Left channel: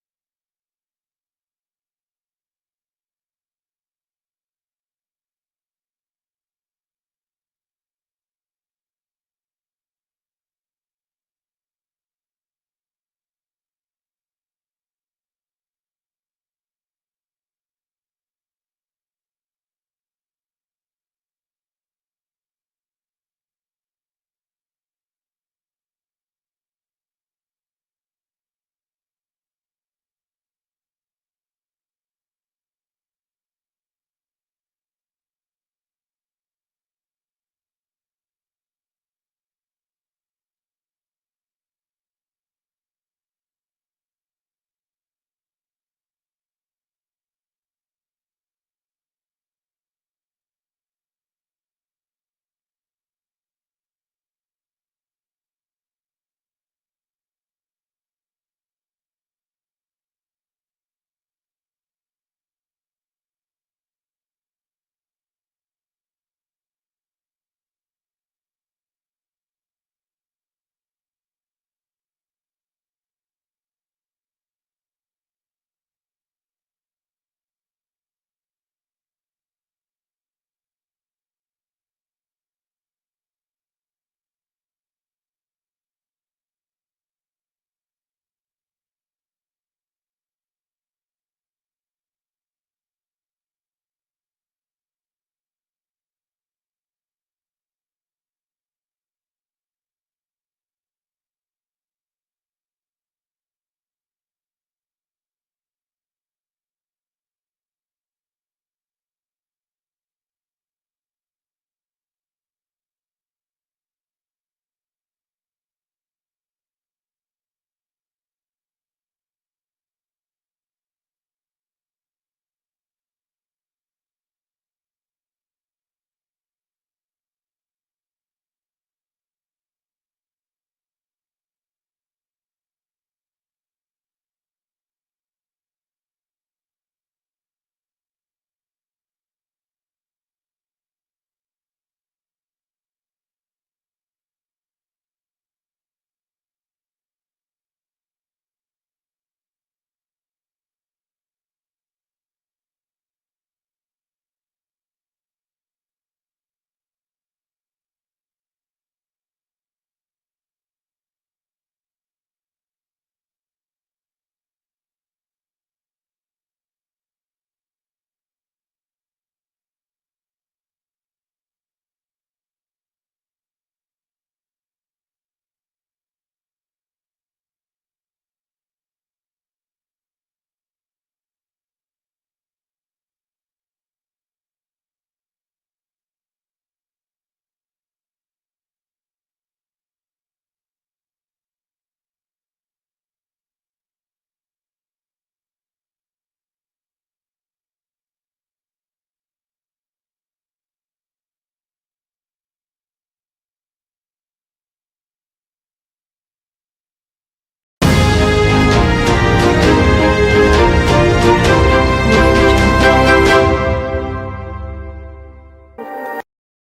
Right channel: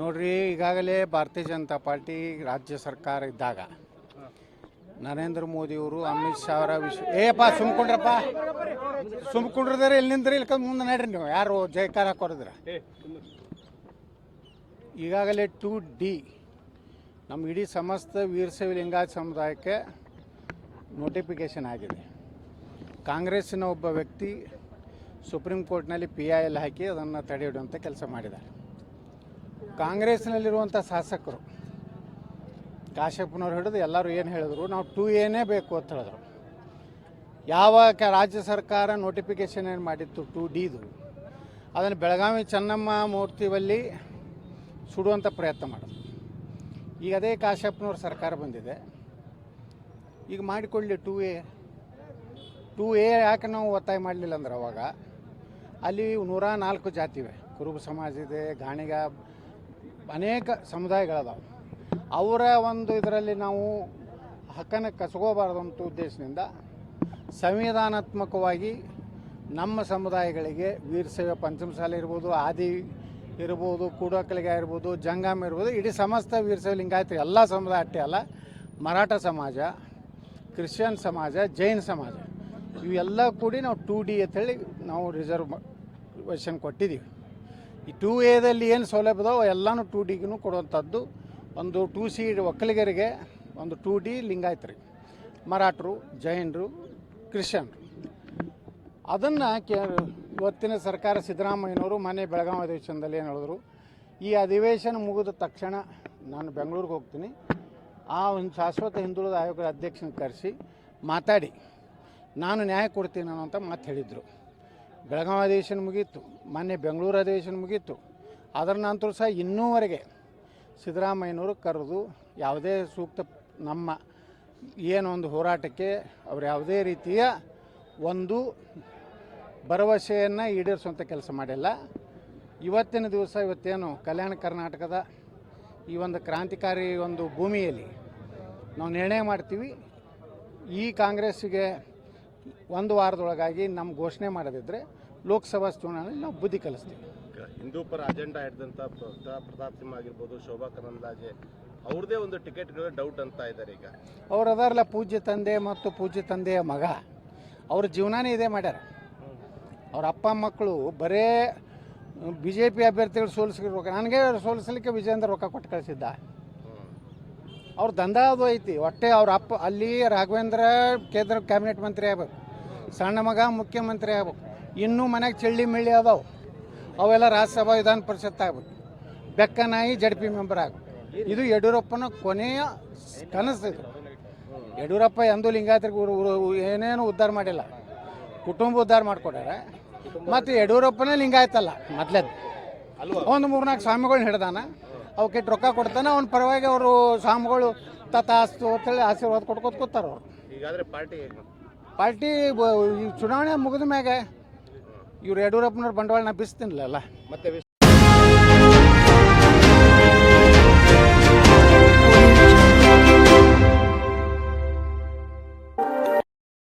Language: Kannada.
ನೋಡ್ರಿ ಈಗಾಗಲೇ ಭಾರತೀಯ ಜನತಾ ಪಾರ್ಟಿ ರಾಜ್ಯ ಸರ್ಕಾರ ಇದ್ದಾಗ ನರೇಂದ್ರ ಮೋದಿ ಅವರು ಅಮಿತ್ ಶಾ ಅವರ ವಿಶ್ವ ಏಪ ಸುಮ್ಕೊಂಡ್ರಪ್ಪ. ಸುಮ್ಕೊಂಡ್ರದ್ರೆ ಇಲ್ಲಿ ನಿಂದ್ರಿ ಇಲ್ಲಿ ಮುಂದೆ ನಡ್ರಿ ನೀವು. ಯಾರು ಜಯಕಾರ ಹಾಕೋರಿದ್ರ ಈಗಾಗಲೇ ಟು ಡಿ ನಮ್ಮ ಇಡೀ ಸಮಸ್ತ ವೀರಶೈವ ಲಿಂಗಾಯತ್ ಸಮುದಾಯಕ್ಕೆ ನೋಟಿಫಿಕೇಶನ್ ಆಗಿದೆ. ಕಾಂಗ್ರೆಸ್ಸಿನ ಒಬ್ಬ ವ್ಯಕ್ತಿ ಸುಪ್ರೀಂ ಕೋರ್ಟ್ನಲ್ಲಿ ಪಿ ಐ ಎಲ್ ಹಾಕಿ ಅದನ್ನು ತಡೆ ಕೆಲಸ ಮಾಡಿದ್ದಾರೆ. ಕಾಂಗ್ರೆಸ್ನಲ್ಲಿರುವಂಥ ಶಾಸಕರು ಕಾಶ್ಯಪ್ಪನವ್ರು ಹಿಡಿದು ಎಲ್ಲರೂ ಏನು ಹೇಳಿದ್ರು, ನಾವು ಟೂ ಎನೇ ಬೇಕು ಅಂತ ಹೇಳಿದ್ರು. ಯಾವ ರಾಜ್ಯ ಸರ್ಕಾರ ನೋಟಿಫಿಕೇಶನ್ ಏನು ಮಾಡಿತ್ತು ಟು ಡಿದು ಅದನ್ನು ಬೆಳಗಾವಿ ಚೆನ್ನಮ್ಮ ಮೂರ್ತಿವಲ್ಲಿ ಸುಡುವಂಥ ಪ್ರಯತ್ನ ಮಾಡಿದ್ರು. ಈಗ ಅದೇ ಕಾಶ್ಯಪ್ಪನವ್ರ ಸರ್ಕಾರ ಬಂದಿದೆ. ಈಗ ಮಾಡಿಕೊಳ್ಳಿ ಟು ಎ ಟು ಎ ಯಾಕೆ ನಾವು ಒತ್ತಾಯ ಮಾಡಲಿಲ್ಲ ಅಂದ್ರೆ ಅವಾಗ ಅಲ್ಲಿ ನೂರ ನಾಲ್ಕು ಜಾತಿ ಇವೆ ಕುರುಬ ಸಮಾಜ ಇದೆ, ಗಾಣಿಗ, ಅನೇಕ ಸಮುದಾಯಗಳದಾವೆ. ಅವರ ಒಂದು ಇದರಲ್ಲಿ ನಾವು ಹಕ್ಕನ್ನು ಅಂತ ಉದ್ದೇಶದಿಂದ ಸಂವಿಧಾನಾತ್ಮಕವಾಗಿ ನಮ್ಮ ಸಮುದಾಯಗಳಿಗೆ ವೀರಶೈವ ಪಂಚಮಸಾಲಿ ಇರ್ಬೋದು, ಆದಿ ಇರ್ಬೋದು, ಕೂಡಕಲಿಗ ಇರ್ಬೋದು, ಜಂಗಮ್ ಇರ್ಬೋದು, ಇಡೀ ಸಮಸ್ತ ವೀರಶೈವ ಲಿಂಗಾಯತ, ಎಲ್ಲ ಸಮುದಾಯ ಅಷ್ಟೇ ಅಲ್ಲ, ಮರಾಠ ಸಮಾಜ, ಕ್ರಿಶ್ಚಿಯನ್ ಸಮಾಜ, ಜೈನ್ ಸಮಾಜ, ಇವೆಲ್ಲ ಕೂಡಿ ನಾವು ಟು ಡಿ ಅಂತೇಳಿ ನಾವು ರಿಸರ್ವೇಷನ್ ಕೊಟ್ಟಿದ್ದೀವಿ. ಈ ಟೂ ಎದಲ್ಲಿ ಏನು ಸೌಲಭ್ಯ ಇದಾವೆ ಎಲ್ಲನೂ ಟೂ ಡಿಗೂ ಕೊಡುವಂಥದ್ದು. ಒಂದು ಟೂ ಸಿ ಒಕ್ಕಲಿಗರಿಗೆ ಒಂದು ಟೂ ಡಿ ಲಿಂಗಾಯತ್ರಿ ಮರಾಠರು, ಜೈನರು, ಕ್ರಿಶ್ಚಿಯನ್ರು. ಅದನ್ನು ಇವತ್ತಿನ ಸರ್ಕಾರ ಸಿದ್ದರಾಮಯ್ಯನವರು ಮನೆ ಬೆಳಗಾವಿ ಅಧಿವೇಶನದಲ್ಲಿ ಏನು ಹೇಳಿದ್ರು? ಈ ಅಧಿವೇಶನ ಮುಗಿದ ತಕ್ಷಣ ನಾನು ಬೆಂಗಳೂರಿಗೆ ಹೋಗ್ತೀನಿ. ಆ ಒಂದು ಶಾಶ್ವತ ಹಿಂದುಳಿದ ಆಯೋಗದ ಅಧ್ಯಕ್ಷನ ಕರೆಸಿ ಮಾತಾಡಿ. ನಾನು ನ್ಯಾಯ ಕೊಡ್ತೀನಿ ಅನ್ನೋ ಅಂತ ಮಾತು ಹೇಳಿದರು. ಬೆಳಗಾವಿ ಅಧಿವೇಶನ ಮುಗೀತು, ಮೊನ್ನೆ ಬೆಂಗಳೂರು ಅಧಿವೇಶನ ಮುಗೀತು. ಅದರ ನಂತರ ಸಹ ಇನ್ನೂವರೆಗೆ ಸಿದ್ದರಾಮಯ್ಯನವರು ಕರೆದು ಯಾವುದೇ ಸೂಕ್ತ ನಮ್ಮ ಏನೊಂದು ಹೋರಾಟಕ್ಕೆ ಅವರು ಯಾವುದೇ ರೀತಿಯ ಒಂದು ಭರವಸೆಯನ್ನು ಈಡೇರಿಸುವಂಥ ಕೆಲಸ ಮಾಡಿಲ್ಲ. ಇವತ್ತಿನ ದಿವಸ ಇವತ್ತೇನು ಕಲ್ಯಾಣ ಕರ್ನಾಟಕದ ಈ ಒಂದು ಕ್ರಾಂತಿಕಾರಿ ಒಂದು ಭೂಮಿಯಲ್ಲಿ ನಾವು ನಿರ್ಣಯ ಮಾಡ್ತೀವಿ. ಈ ಕಾಂಗ್ರೆಸ್ಸಿಗೆ ಒಂದು ವಾರದೊಳಗಾಗಿ ನಮ್ಮ ಘೋಷಣೆ ಮಾಡೋದಿದ್ರೆ ಲೋಕಸಭಾ ಚುನಾವಣೆಯಲ್ಲಿ ನಾವು ಬುದ್ಧಿ ಕಲಿಸ್ತೀವಿ. ಹಿಂದೂ ಪರ ಅಜೆಂಡಾ ಹಿಡಿದಂಥ ಪ್ರತಾಪ್ ಸಿಂಹ ಆಗಿರ್ಬೋದು ಶೋಭಾ ಕರಂದ್ಲಾಜೆ ಅವ್ರದೇ ಒಂದು ಟಿಕೆಟ್ ಡೌಟ್ ಅಂತ ಇದ್ದಾರೆ ಈಗ. ಅವ್ರು ಅದಾರಲ್ಲ ಪೂಜ್ಯ ತಂದೆ ಮತ್ತು ಪೂಜ್ಯ ತಂದೆಯ ಮಗ. ಅವ್ರ ಜೀವನಾನೇ ಇದೇ ಮಾಡ್ಯಾರ. ಅವ್ರ ಅಪ್ಪ ಮಕ್ಕಳು ಬರೇ ಬಿ ಜೆ ಪಿ ಅಭ್ಯರ್ಥಿಗಳು ಸೋಲಿಸ್ಲಿಕ್ಕೆ ರೊಕ್ಕ ನನಗೆ ಸೋಲಿಸ್ಲಿಕ್ಕೆ ವಿಜೇಂದ್ರ ರೊಕ್ಕ ಕೊಟ್ಟು ಕಳಿಸಿದ್ದ. ಅವ್ರ ದಂಧ ಅದು ಐತಿ. ಒಟ್ಟೆ ಅವ್ರ ಅಪ್ಪ ಅಲ್ಲಿ ರಾಘವೇಂದ್ರ ಕೇಂದ್ರ ಕ್ಯಾಬಿನೆಟ್ ಮಂತ್ರಿ ಆಗ್ಬೇಕು. ಸಣ್ಣ ಮಗ ಮುಖ್ಯಮಂತ್ರಿ ಆಗ್ಬೇಕು. ಇನ್ನೂ ಮನೆಗೆ ಚಳ್ಳಿ ಮಿಳ್ಳಿ ಅದಾವು. ಅವೆಲ್ಲ ರಾಜ್ಯಸಭಾ ವಿಧಾನ ಪರಿಷತ್ ಆಗ್ಬೇಕು. ಬೆಕ್ಕನಾಯಿ ಜಡ್ ಪಿ ಮೆಂಬರ್ ಆಗ ಇದು ಯಡಿಯೂರಪ್ಪನ ಕೊನೆಯ ಕನಸು ಯಡಿಯೂರಪ್ಪ ಎಂದೂ ಉರು- ಏನೇನು ಉದ್ಧಾರ ಮಾಡಿಲ್ಲ. ಕುಟುಂಬ ಉದ್ಧಾರ ಮಾಡಿಕೊಟ್ಟಾರೆ ಮತ್ತು ಯಡಿಯೂರಪ್ಪನೇ ಲಿಂಗಾಯತಲ್ಲ ಮೊದ್ಲದ್ದು ಅಲ್ವಾ ಒಂದು ಮೂರ್ನಾಲ್ಕು ಸ್ವಾಮಿಗಳನ್ನ ಹಿಡ್ದಾನ. ಅವಕ್ಕೆ ರೊಕ್ಕ ಕೊಡ್ತಾನೆ. ಅವ್ನ ಪರವಾಗಿ ಅವರು ಸ್ವಾಮಿಗಳು ತಥಾಸ್ತು ಅಂತೇಳಿ ಆಶೀರ್ವಾದ ಕೊಟ್ಕೋತ ಕೂತಾರ ಅವ್ರು. ಪಾರ್ಟಿ ಪಾರ್ಟಿ ಚುನಾವಣೆ ಮುಗಿದ ಮ್ಯಾಗೆ ಇವ್ರು ಯಡಿಯೂರಪ್ಪನವ್ರ ಬಂಡವಾಳ ನಾ ಬಿಸ್ತಿನ್ಲಲ್ಲ? ಮತ್ತೆ